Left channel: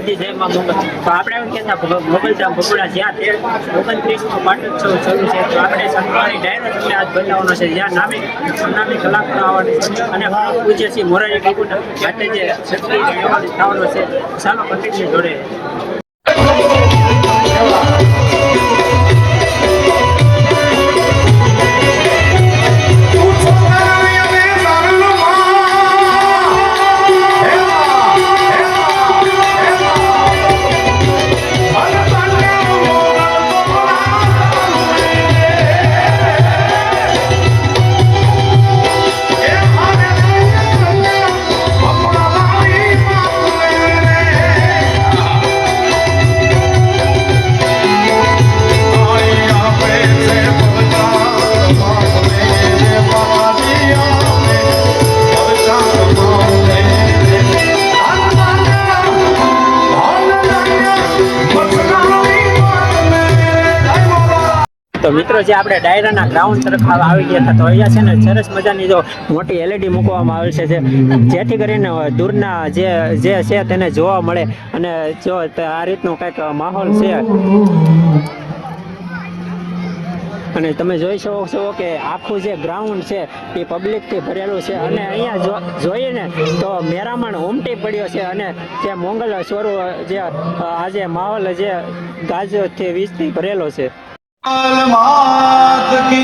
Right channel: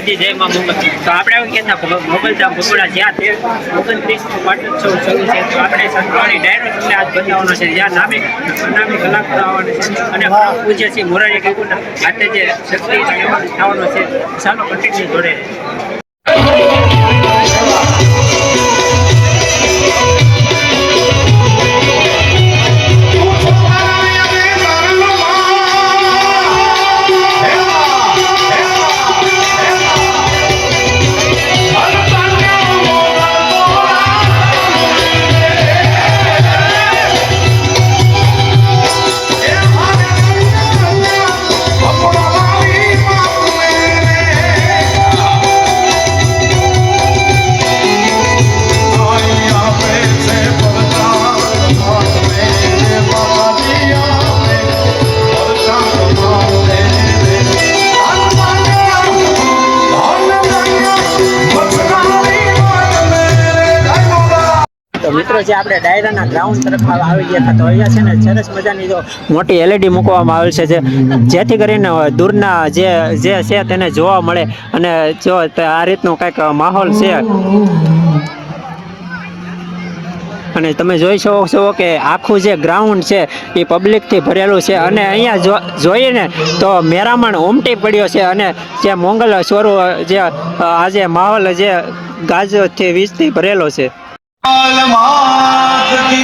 દ્વારકાજી જય માં મોગલ તો આપણે એવું કહેતા મોગલધામ ભગોડા જ્યાં તે ઓગણત્રીસમો પાટોત્સવ શરૂ છે. તો આપણે સંતવાણી ડાયરો તમને આજ બતાવવાનો છે. જ્યાં નામી નામી કલાકારો આવવાના છે. અને પૂજ્ય શ્રી મોરારી બાપુના હાથે જે શક્તિ થવાનો છે. ચાલો કન્ટિન્યુ જોડે. જે આપણે ડાયરાના ગ્રાઉન્ડ તરફ આવી ગયા હતા, તો અહીંયા છે ને સરસ મજાની જો મોટી એલઈડી મૂકવામાં આવેલ છે જેથી કરીને દૂરના જે જે છે તેને જોવા મળે અને જો આ રીતનો કંઈક માહોલ છે. અને તમે જોઈ શકો છો કે આખું જે ગ્રાઉન્ડ છે એ પબ્લિકથી ભરેલું છે અને અહીંયા જોઈએ ને તો મેરામણ ઉમટી પડ્યો છે અને જે મોંગલ સ્વરૂપ જે આજે માહોલ જે ગાજથી વીજથી ભરેલો છે. मात की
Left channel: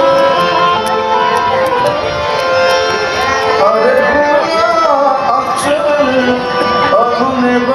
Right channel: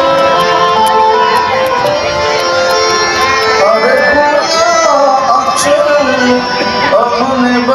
મોંગલ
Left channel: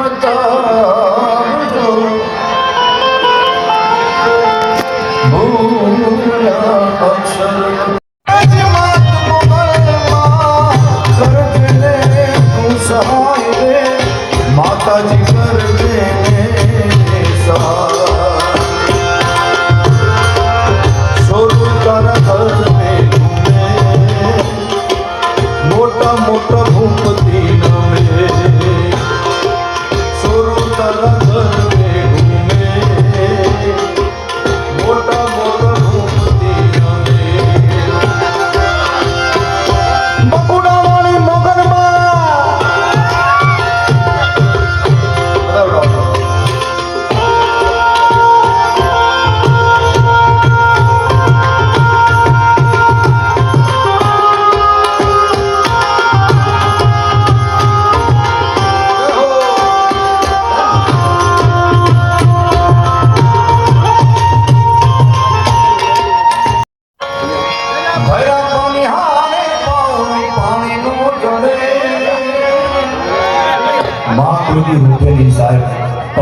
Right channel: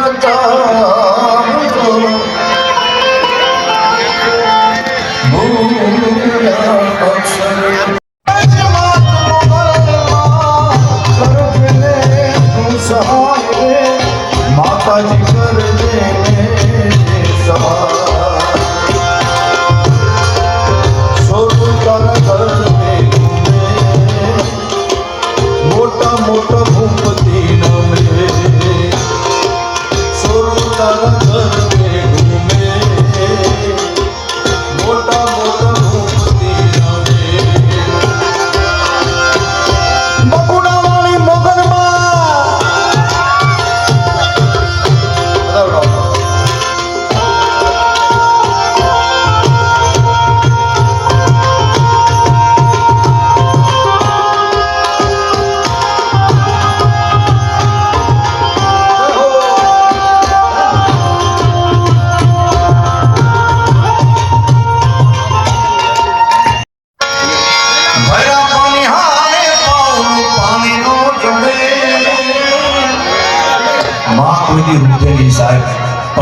Bora.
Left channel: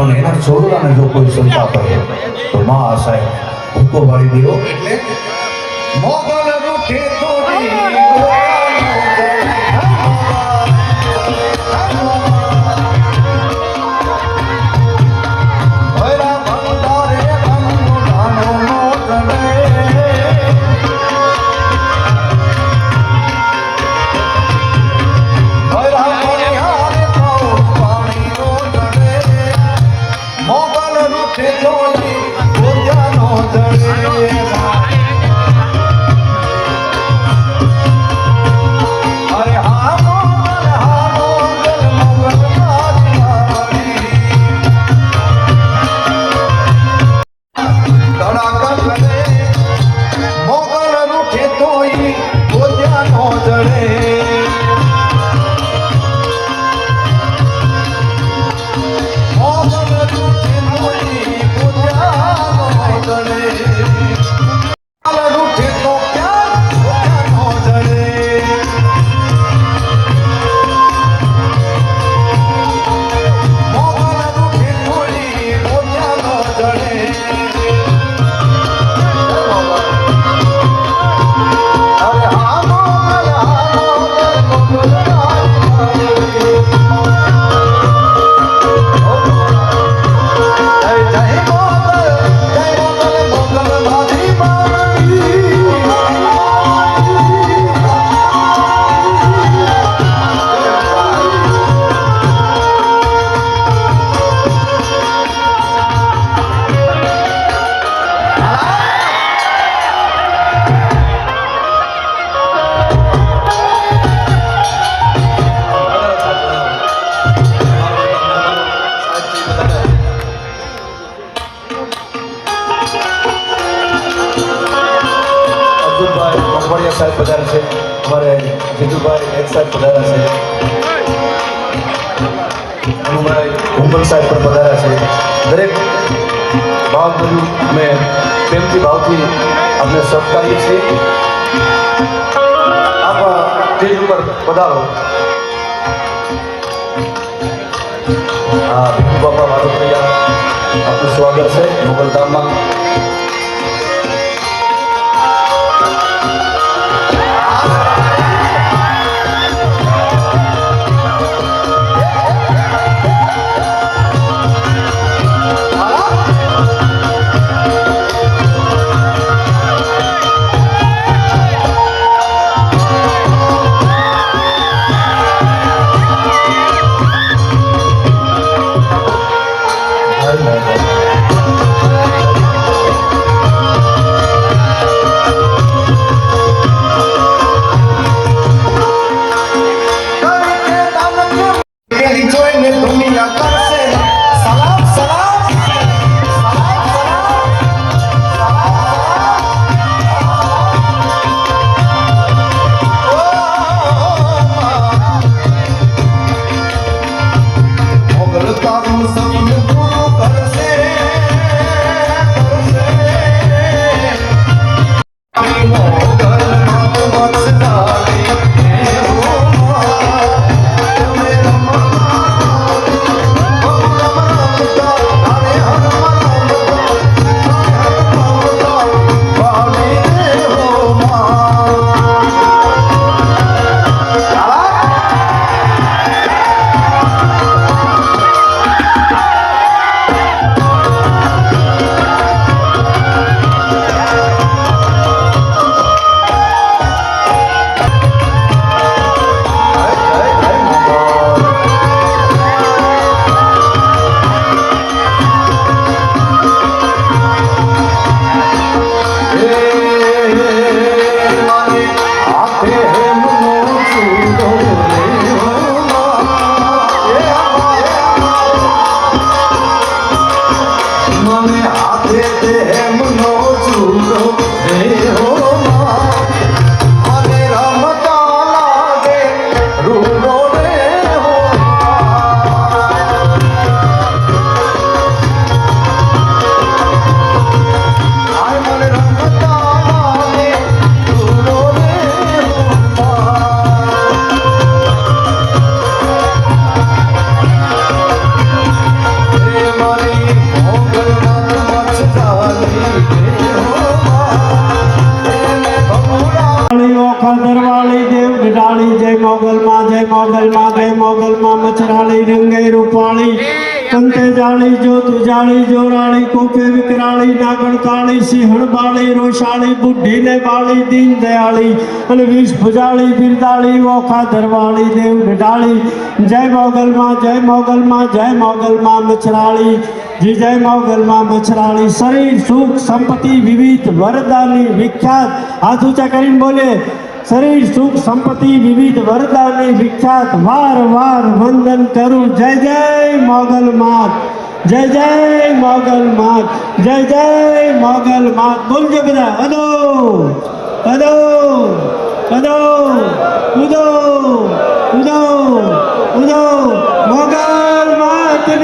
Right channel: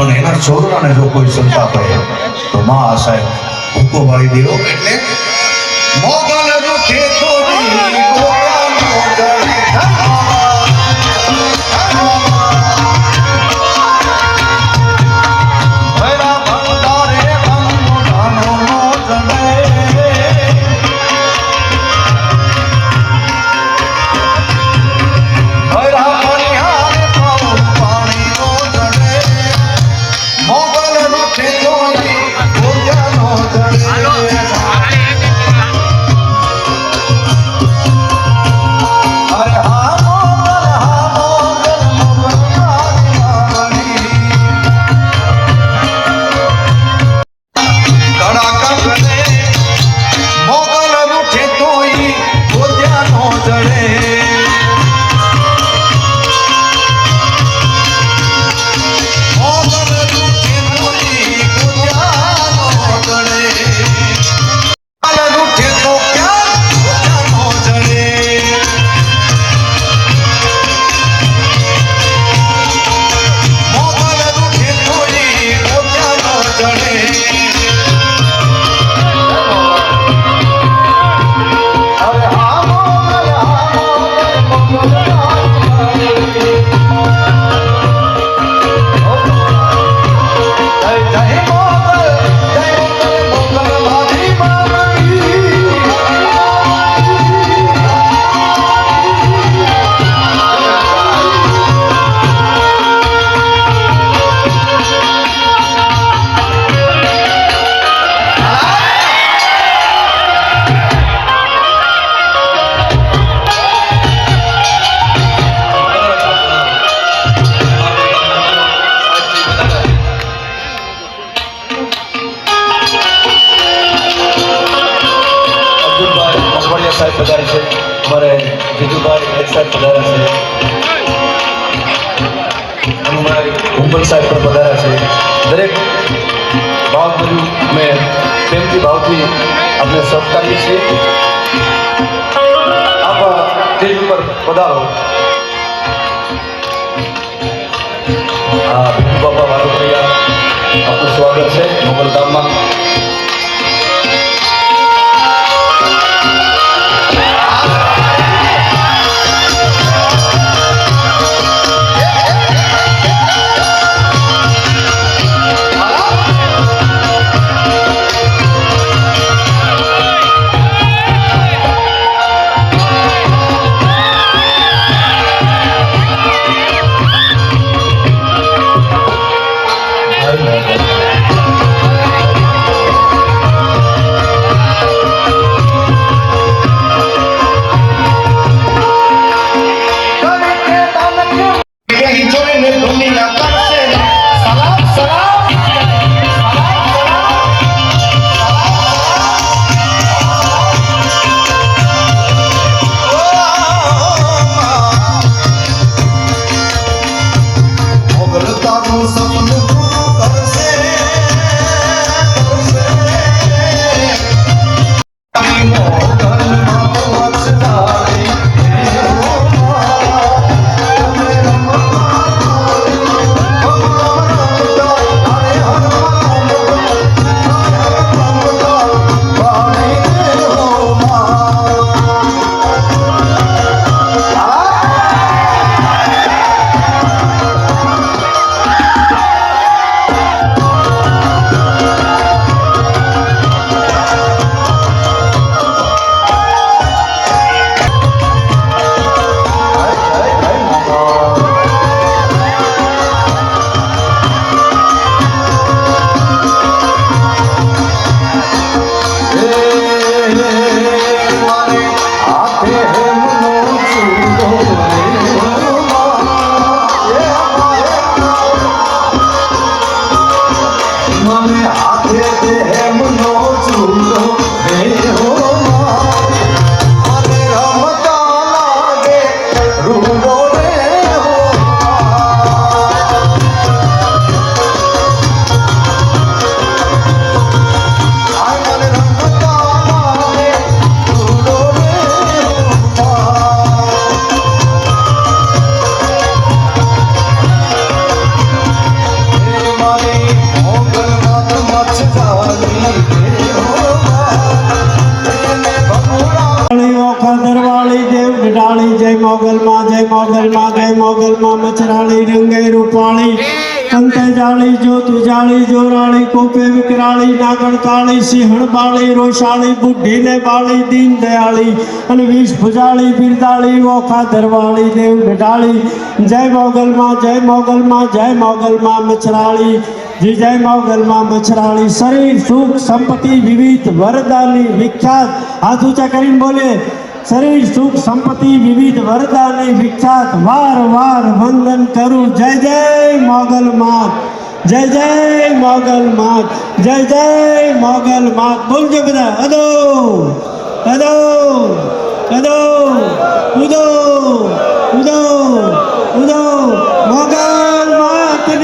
પણ એના છોકરાને જો કોઈ સંતાપ હોય તો માં સાહેબ ભૂકો વાળી દેવો. એટલે મોગલ સાહેબ પધારા છે. અનુભાઈ હુંબલ સાહેબ પણ પધાર્યા છે. દરેક ભાવ બધું અમે પ્રેમથી, ભાવથી આપણે સત્કારીએ છીએ. આપ સ્ટેજ ઉપર પધારો. આ ભીખુ બાપા વાદોદરિયા આપનું સ્વાગત છે મોગલધામમાં અને વીસ ભુજાળી બિરદાળી ઓખા ધરવાળી, દેવ ગઢાળી જય મોગલમાં જય મોગલમાં જય મોગલમાં મચરાળી જી જય મોગલમાં મચરાળી શરીર, સુખ, સંપત્તિ, વિવિધ વરદાની વિખ્યાત. હાથ ઊંચા કરીને બોલે, શરીર, સુખ, સંપત્તિ, વિવિધ વરદાની વિખ્યાત. વાર વાર વંદન કરું. જય જય મોગલમાં, જય જય મોગલ માત જય જય મોગલ માત બોલજો બધા, અદો. અદો અદો ઉદો ઉદો ઉદો મોગલ માતની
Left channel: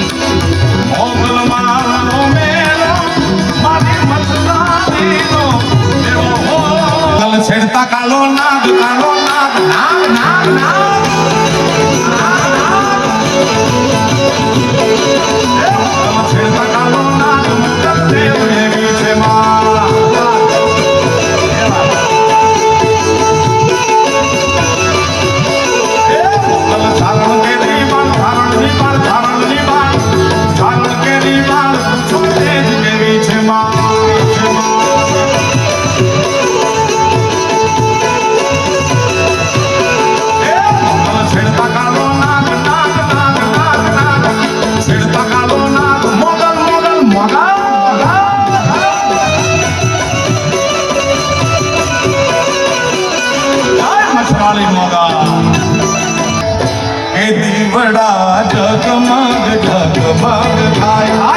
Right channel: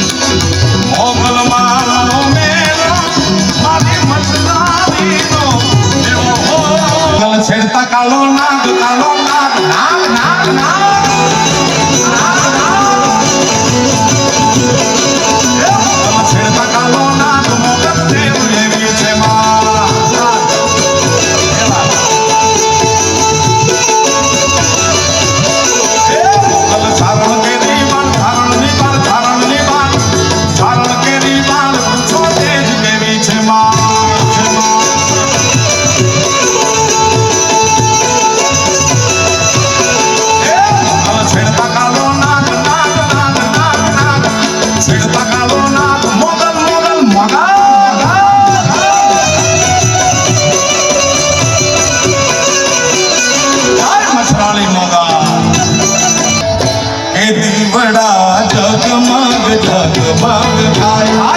calor, calor, calor, calor, calor, above and high.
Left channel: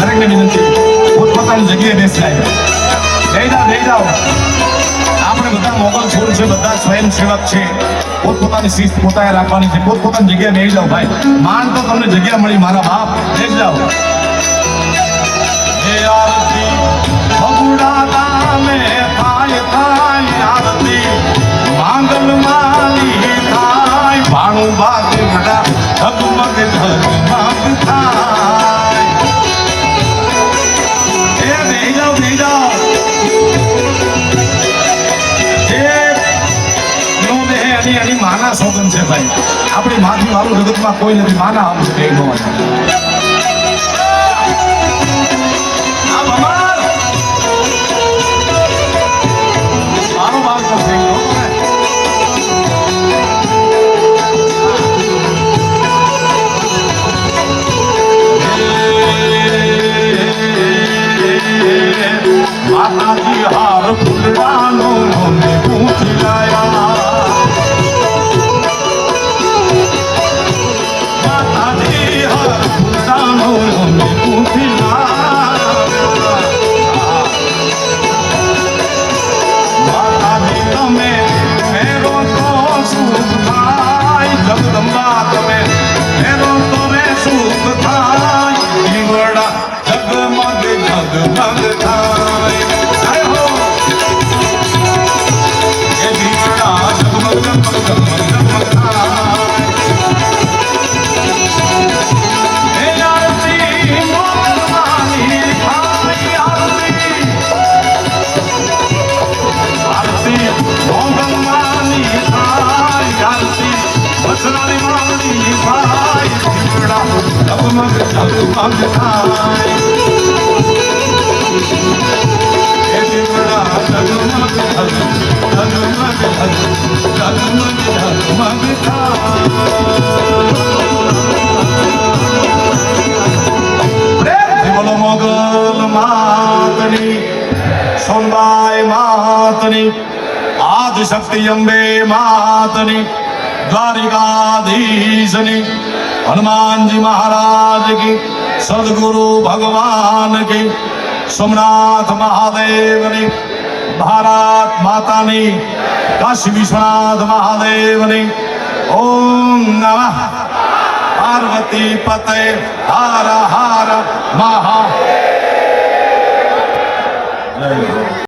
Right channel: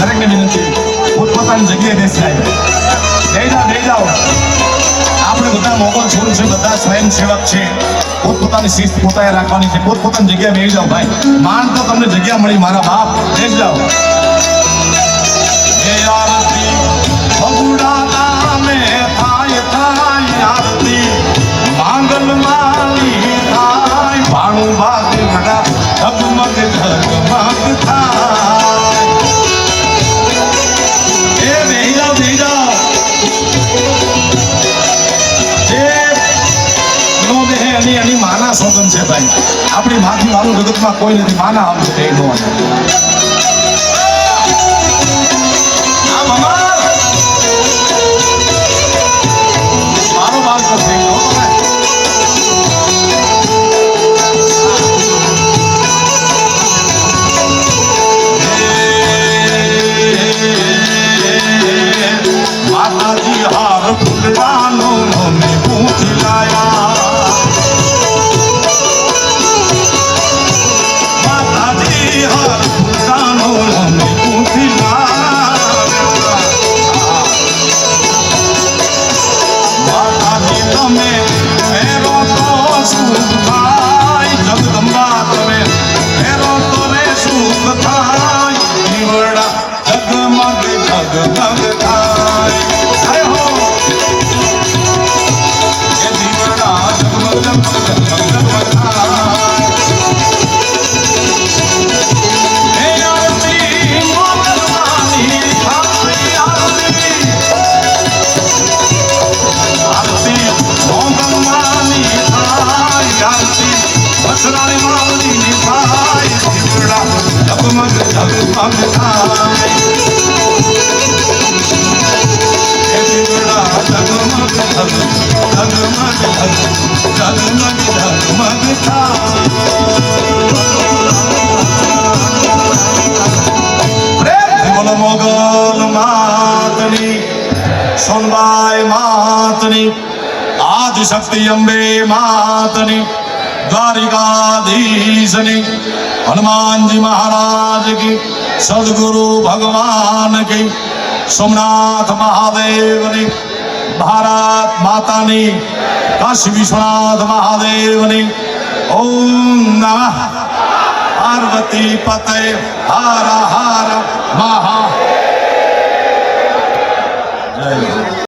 દરેકને વિનંતી પોતપોતાની જગ્યાએ બેસાય લઈ જાઓ લઈ જાઓ. આપણે બધા મોગલ છોડ છે, બધા સ્વયંસેવક છે. પોતપોતાની શિસ્ત પોતાને રાખવાની છે. પોતપોતાની જગ્યાએ લઈ જાઓ ભાઈ. માન તો તમને જગ્યા મળી, મારા બાપ. લઈ જાઓ. આપણી માથી વાળું જગતમાં કોઈ નથી માના છે કઈ જગમગ જગમગ થાય હે દીવડા જગમગ જગમગ જગમગ જગમગ થાય બોલો મોગલ માતની સોમબાઈ માતની આદ શક્તિ અંબે માતની દ્વારિકાધીશની હનુમાનજી મહારાજ કી સદગુરુ ભગવાન કી સોમનાથ મહાદેવની ભારત માતાની કાશી વિશ્વનાથ મહાદેવની ઓમ નમઃ પાર્વતી પતે હાર હાર મહા જય